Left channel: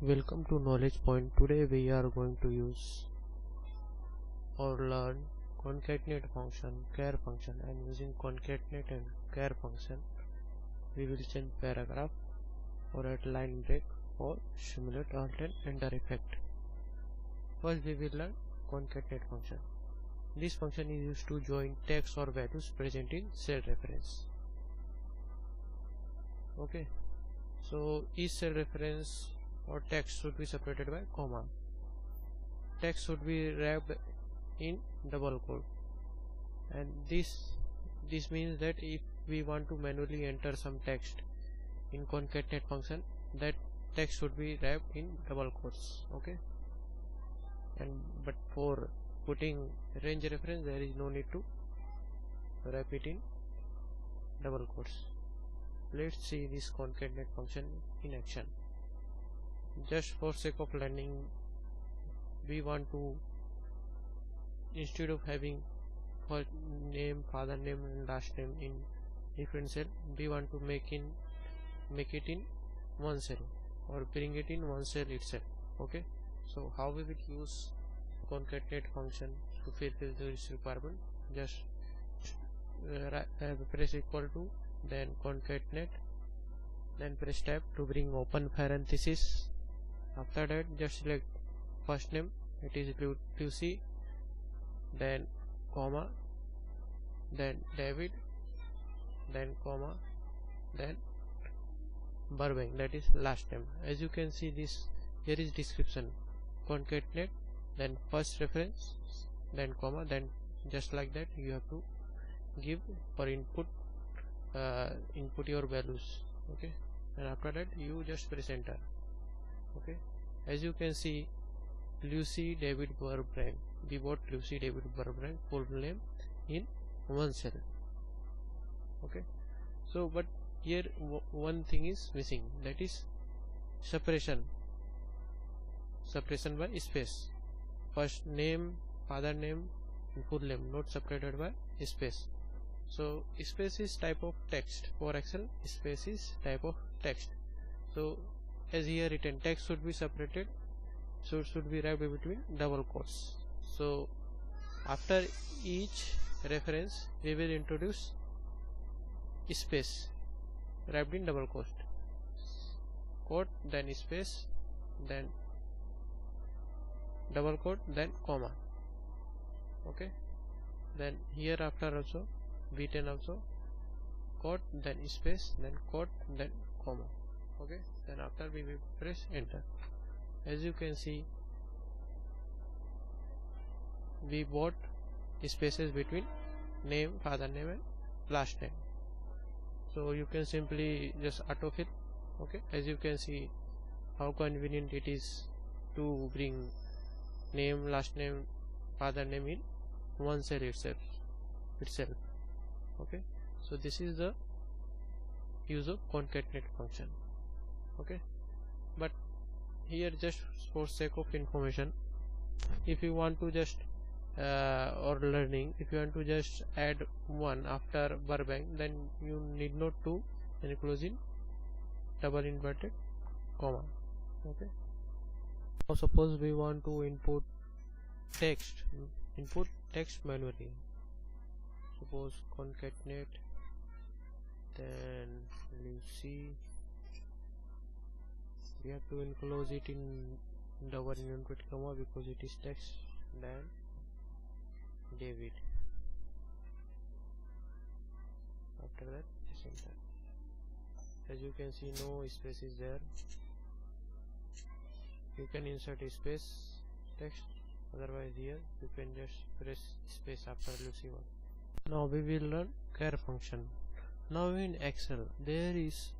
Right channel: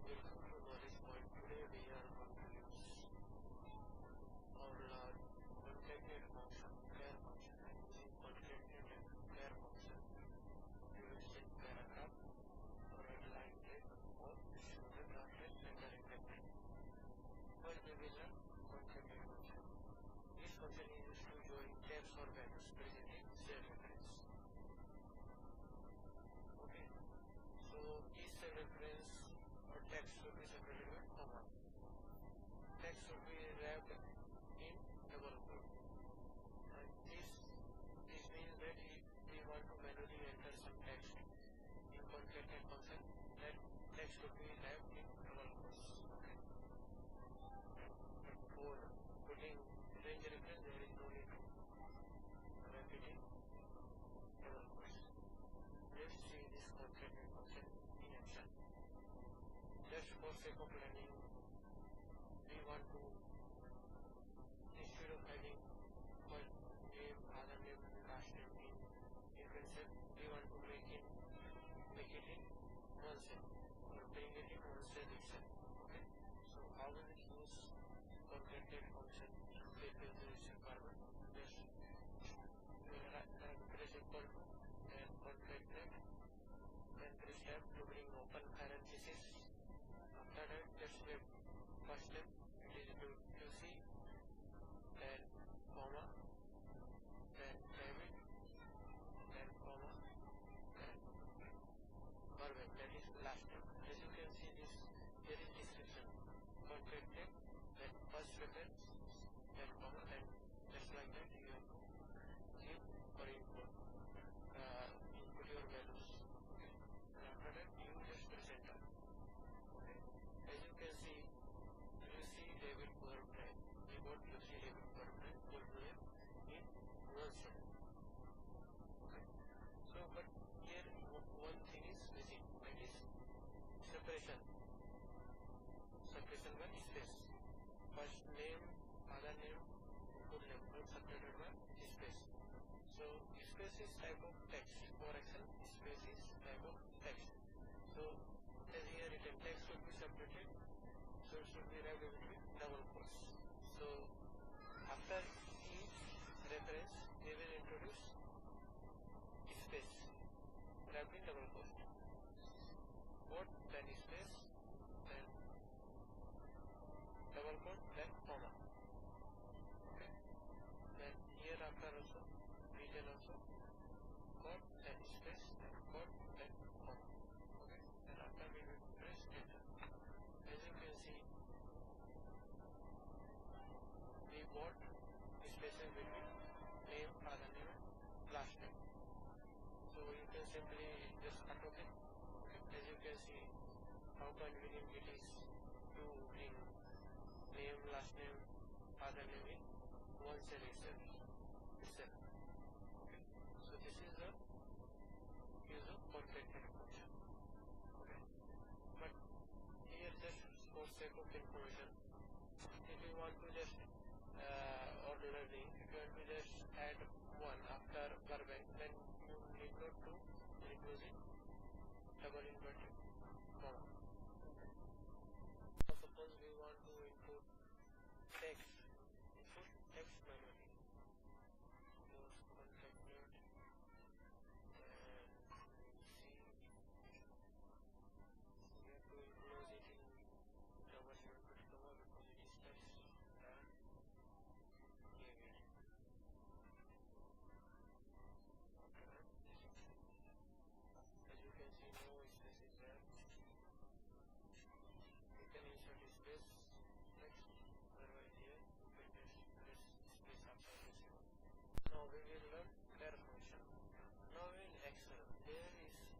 Welcome to Knowledge Point. Today we are going to use or learn concatenate function, char function, and using concatenate and char function we will change paragraph or add line break or simulate ALT and enter effect. First we will learn concatenate function. This function is used to join text or values present in cell reference. Okay, so each cell reference or text should be separated by comma. Text should be wrapped in double quote, and this means that if we want to manually enter some text in concatenate function, that text should be wrapped in double quotes. Okay, but for putting range reference there is no need to wrap it in double quotes. Let's see this concatenate function in action. Just for sake of learning, we want to, instead of having first name, father name and last name in different cell, we want to make it in one cell or bring it in one cell itself. Okay, so how we will use concatenate function to fulfill this requirement? Just press equal to, then concatenate, then press tab to bring open parenthesis. After that just select first name, it is Lucy, then comma, then David, then comma, then Burbank, that is last name. As you can see, this here is description, concatenate, then first reference, then comma, then just like that you have to give for input your values. Okay, and after that you just press enter. Okay, as you can see, Lucy David Burbank, we bought Lucy David Burbank full name in one cell. Okay, so but here one thing is missing, that is separation by space. First name, father name, full name not separated by space. So space is type of text. For Excel, space is type of text. So as here written, text should be separated, so it should be wrapped between double quotes. So after each reference we will introduce space wrapped in double quote, then space, then double quote, then comma. Okay, then here after also B10 also quote, then space, then quote, then comma. Okay, then after we will press enter. As you can see, we bought spaces between name, father name and last name, so you can simply just autofill. Okay, as you can see how convenient it is to bring name, last name, father name in one cell itself. Okay, so this is the use of concatenate function. Okay, but here just for sake of information, if you want to just or learning, if you want to just add one after Burbank, then you need not to enclose in double inverted comma. Okay, now suppose we want to input text manually. Suppose concatenate, then Lucy, we have to enclose it in double inverted comma because it is text, then David. After that press enter. As you can see, no space is there. You can insert a space text, otherwise here you can just press space after Lucy one. Now we will learn char function. Now in Excel there is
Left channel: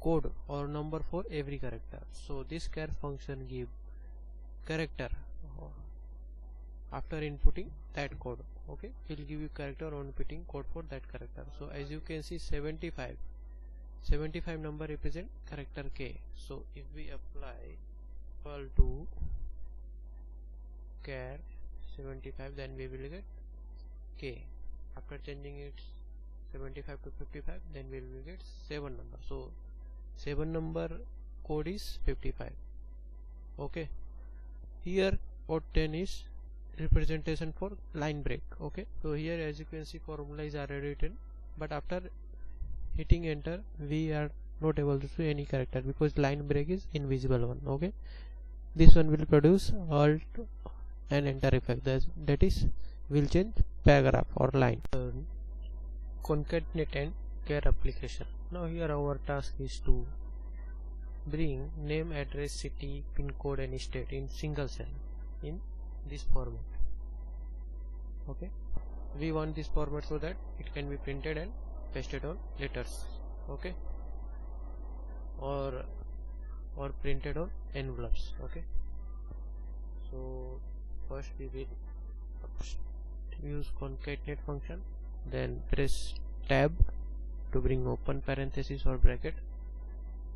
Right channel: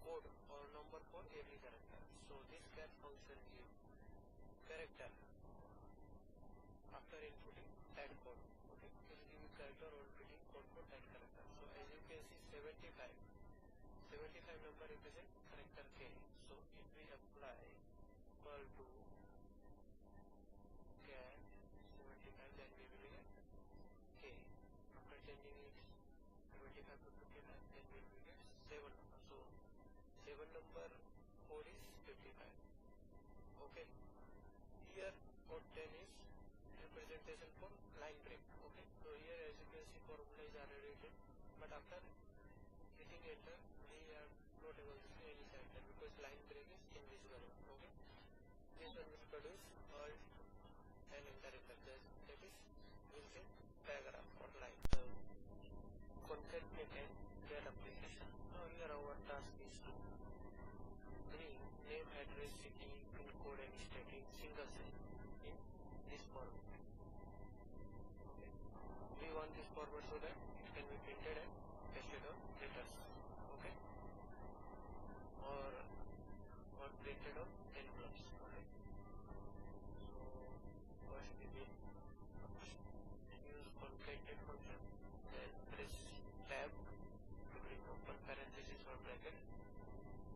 code or number for every character, so this char function give character after inputting that code. Okay, it will give you character on inputting code for that character. So as you can see, 75 number represent character K. So if we apply equal to char 75, then we will get K. After changing it 75 to 55, then we will get 7 number. So 7 number code is 55. Okay, here out 10 is representation for line break. Okay, so here as you can see formula is already written, but after hitting enter we are not able to see any character because line break is invisible one. Okay, this one will produce alt and enter effect, that is will change paragraph or line. Concatenate and char application. Now here our task is to bring name, address, city, pin code and state in single cell in this format. Okay, we want this format so that it can be printed and pasted on letters. Okay, or printed on envelopes. Okay, so first we will use concatenate function, then press tab to bring open parenthesis or bracket,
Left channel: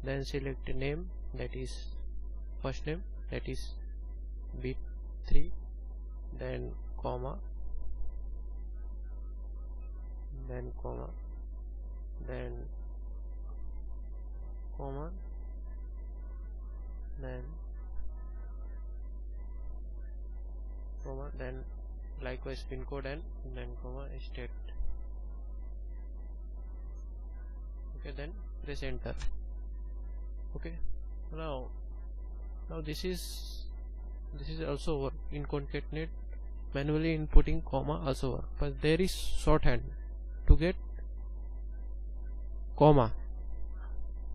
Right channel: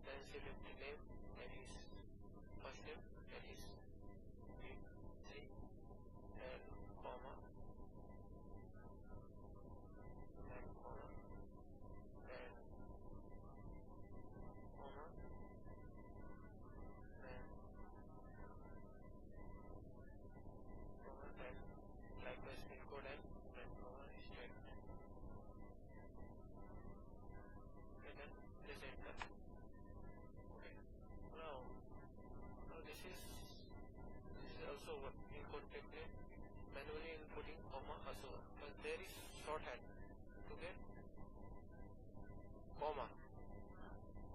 then select name, that is first name, that is b3, then comma, then comma, then comma, then comma, then likewise pin code and then comma state. Okay, then press enter. Okay, now this is also work in concatenate. Manually inputting comma also work, but there is shorthand to get comma.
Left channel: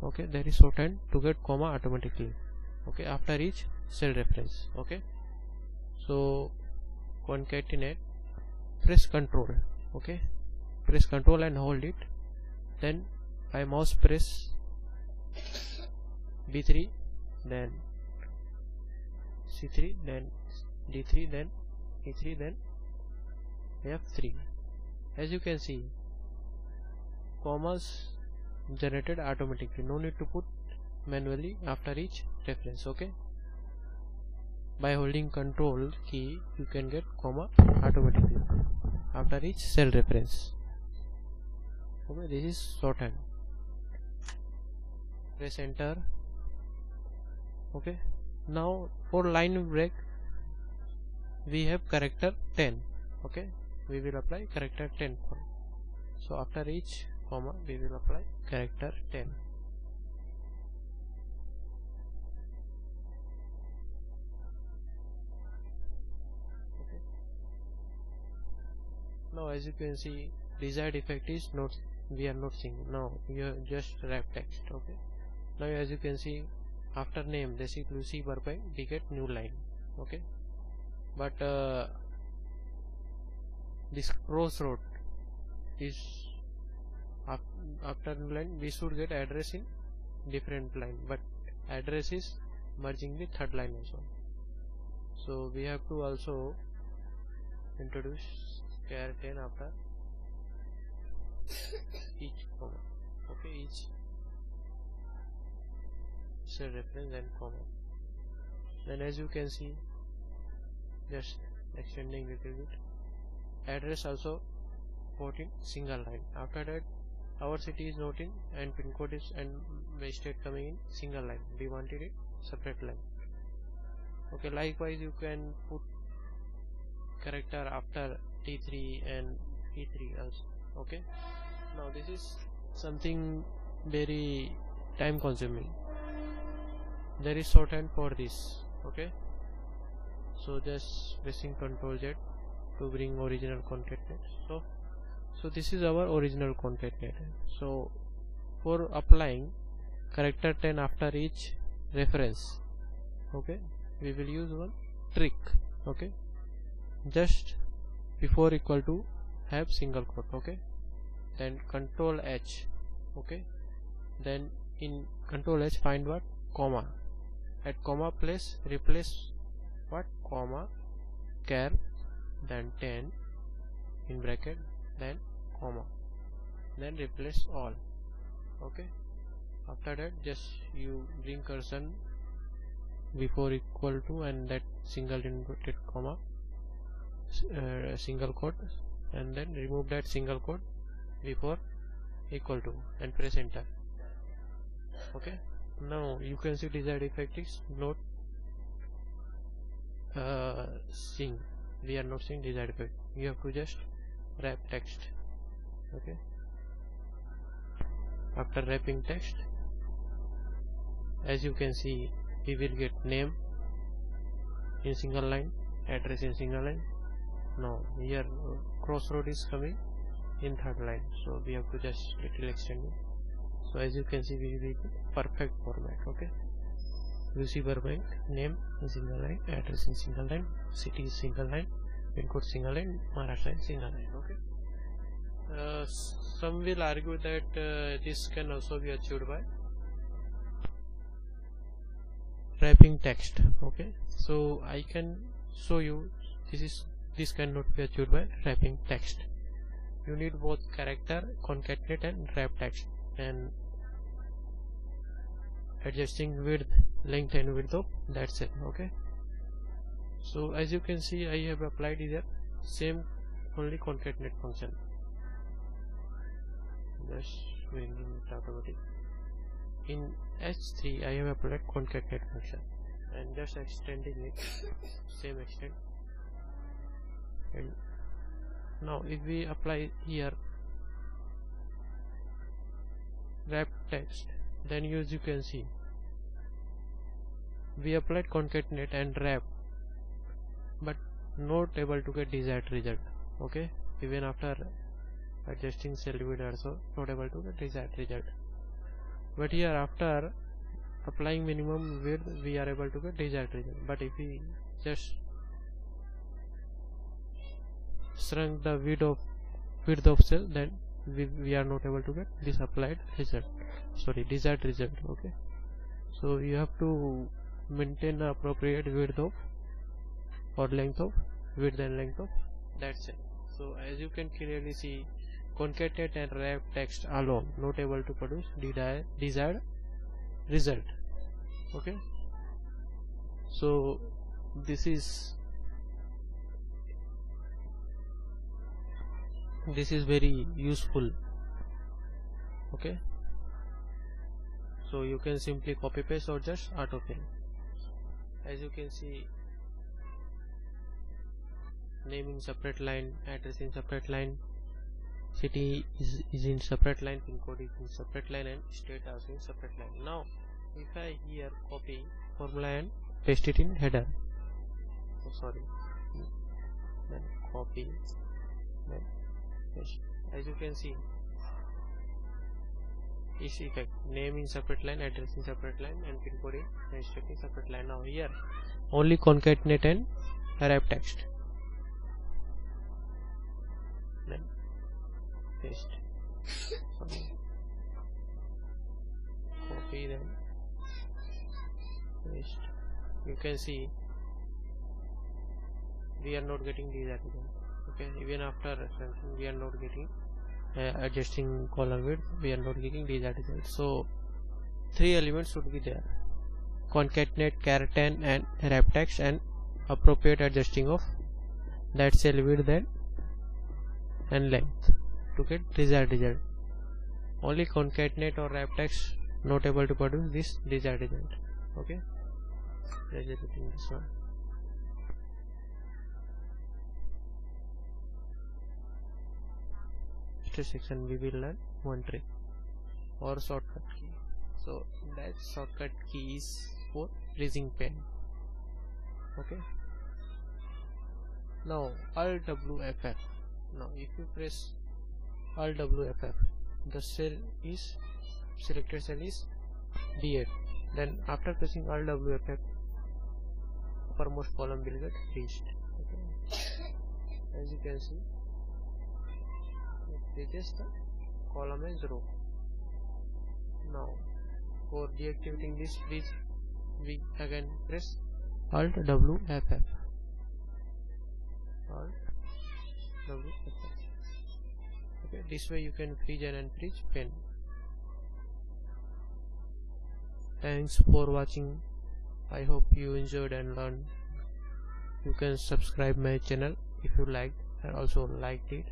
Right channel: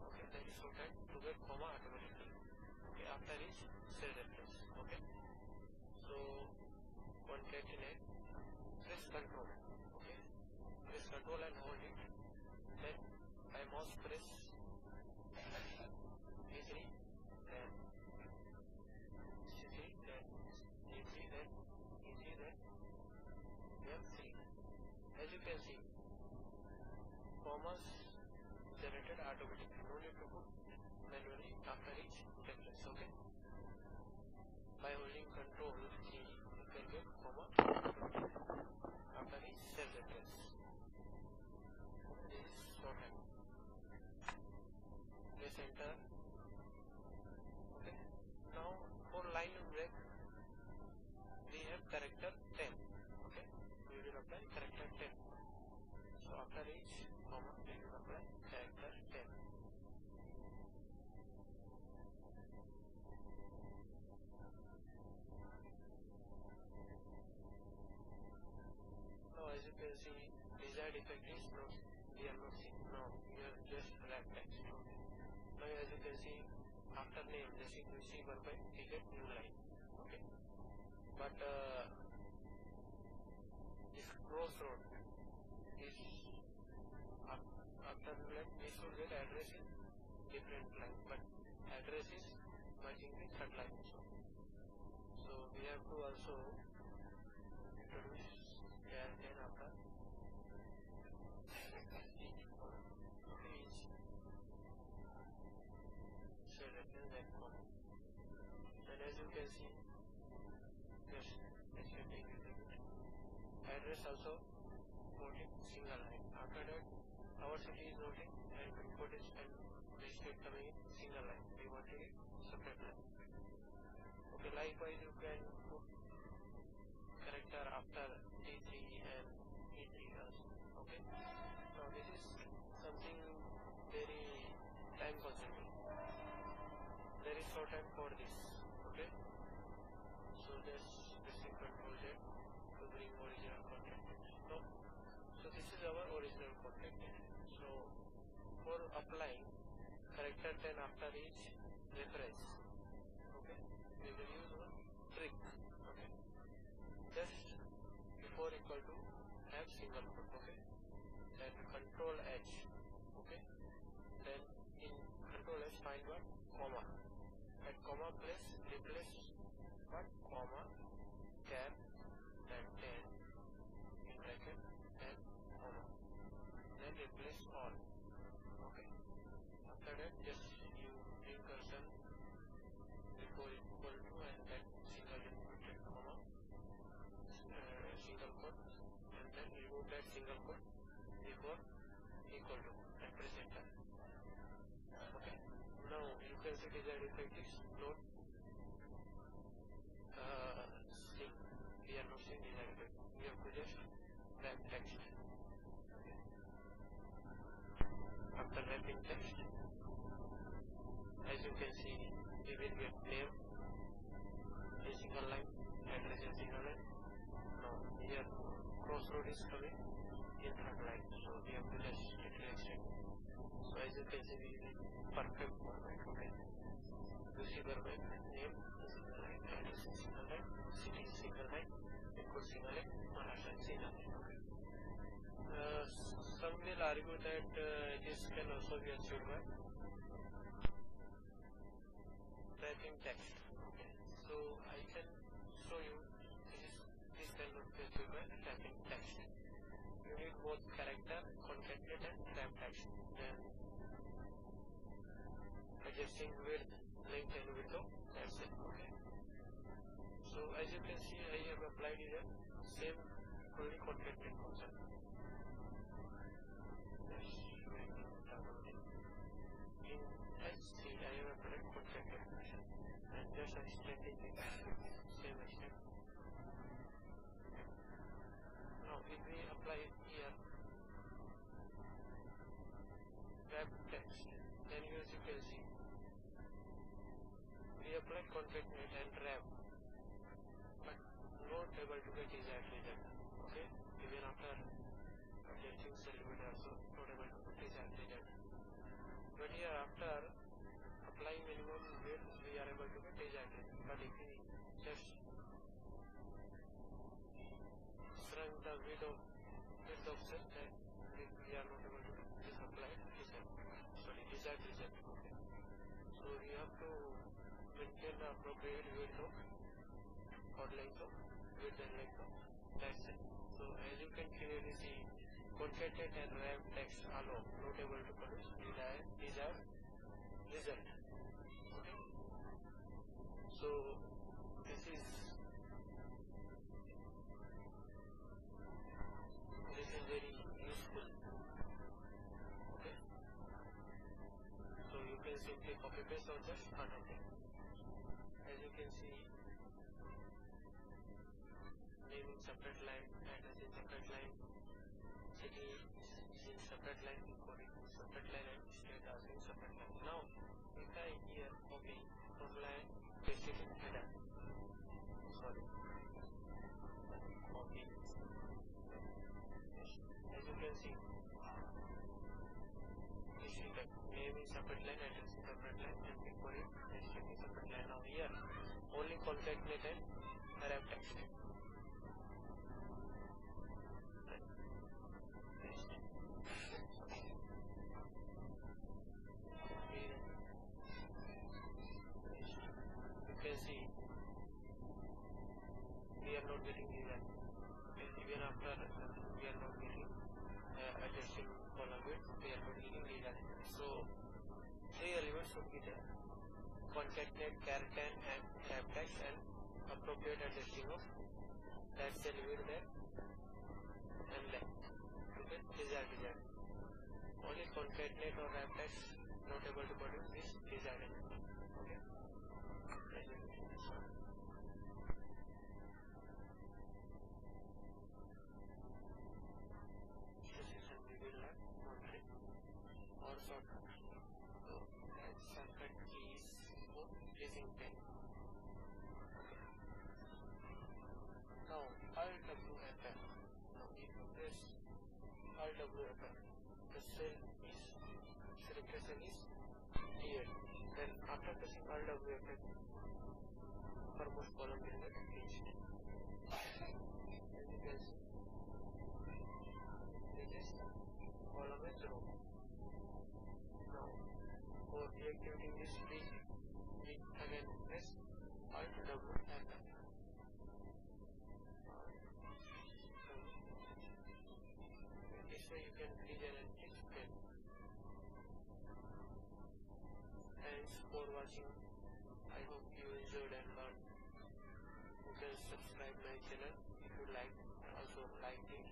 Okay, there is shorthand to get comma automatically. Okay, after each cell reference. Okay, so concatenate, press control. Okay, press control and hold it, then by mouse press B3, then C3, then D3, then E3, then F3. As you can see, commas generated automatically, no need to put manually after each reference. Okay, by holding control key you can get comma automatically after each cell reference. Okay, this is shorthand. Press enter. Okay, now for line break we have character 10. Okay, we will apply character 10 for. So after each comma we will apply character 10. Okay. Now as you can see, desired effect is not, we are not seeing. Now we have just wrap text. Okay, now as you can see, after name basic Lucy Burbank we get new line. Okay, but this crossroad is after new line we should get address in different line, but address is merging the third line also. So we have to also introduce char 10 after each comma. Okay, each cell reference and comma. Then as you can see, just extending little bit, address also put in single line. After that our city is not in and pin code is and state coming in single line. We wanted it separate line. Okay, likewise you can put character after T3 and P3 also. Okay, now this is something very time consuming. There is shorthand for this. Okay, so just pressing Ctrl Z to bring original concatenate. So this is our original concatenate. So for applying character 10 after each reference, okay, we will use one trick. Okay, just before equal to have single quote. Okay, then Control H. Okay, then in Control H find what, comma, at comma place replace what, comma, char, then 10 in bracket, then comma, then replace all. Okay, after that just you bring cursor before equal to and that single inverted comma, single quote, and then remove that single quote before equal to and press enter. Okay, now you can see desired effect is not seeing, we are not seeing desired field. You have to just wrap text. Okay, after wrapping text, as you can see, we will get name in single line, address in single line. Now here crossroad is coming in third line, so we have to just little extend it. So as you can see, we will perfect format. Okay, UC Burbank, name in single line, address in single line, city is single line, pin code single line, Maharashtra in single line. Okay, some will argue that this can also be achieved by wrapping text. Okay, so I can show you this cannot be achieved by wrapping text. You need both character, concatenate and wrap text, and adjusting width, length and width of, that's it. Okay, so as you can see, I have applied here same only concatenate function, just bringing it automatic. In H3 I have applied concatenate function and just extending it same extent. And now if we apply here wrap text, then as you can see, we applied concatenate and wrap, but not able to get desired result. Okay, even after adjusting cell width also not able to get desired result. But here after applying minimum width, we are able to get desired result. But if we just shrunk the width of cell, then we are not able to get this applied result, sorry, desired result. Okay, so you have to maintain the appropriate width of or length of, width and length of, that's it. So as you can clearly see, concatenate and wrap text alone not able to produce desired result. Okay, so this is very useful. Okay, so you can simply copy paste or just autofill. As you can see, name in separate line, address in separate line, city is in separate line, pin code is in separate line, and state also in separate line. Now if I here copy formula and paste it in header, then copy, then paste. As you can see, this effect, name in separate line, address in separate line, and pin code is state in separate line. Now here only concatenate and wrap text, then paste, copy, then paste. You can see we are not getting these articles. Okay, even after we are not getting adjusting column width, we are not getting these articles. So 3 elements should be there: concatenate, character and wrap text, and appropriate adjusting of that cell width and length to get desired result. Only concatenate or wrap text not able to produce this desired result. Okay, let's repeat this one. Section we will learn one trick or shortcut key. So that shortcut key is for raising pen. Okay, now Alt WFF. Now if you press Alt WFF, the selected cell is D8. Then after pressing Alt WFF, uppermost column will get reached. Okay. As you can see, replace the column as row. Now for deactivating this freeze, we again press Alt WFF. Okay, this way you can freeze and unfreeze pen. Thanks for watching. I hope you enjoyed and learned. You can subscribe my channel if you liked and also liked it.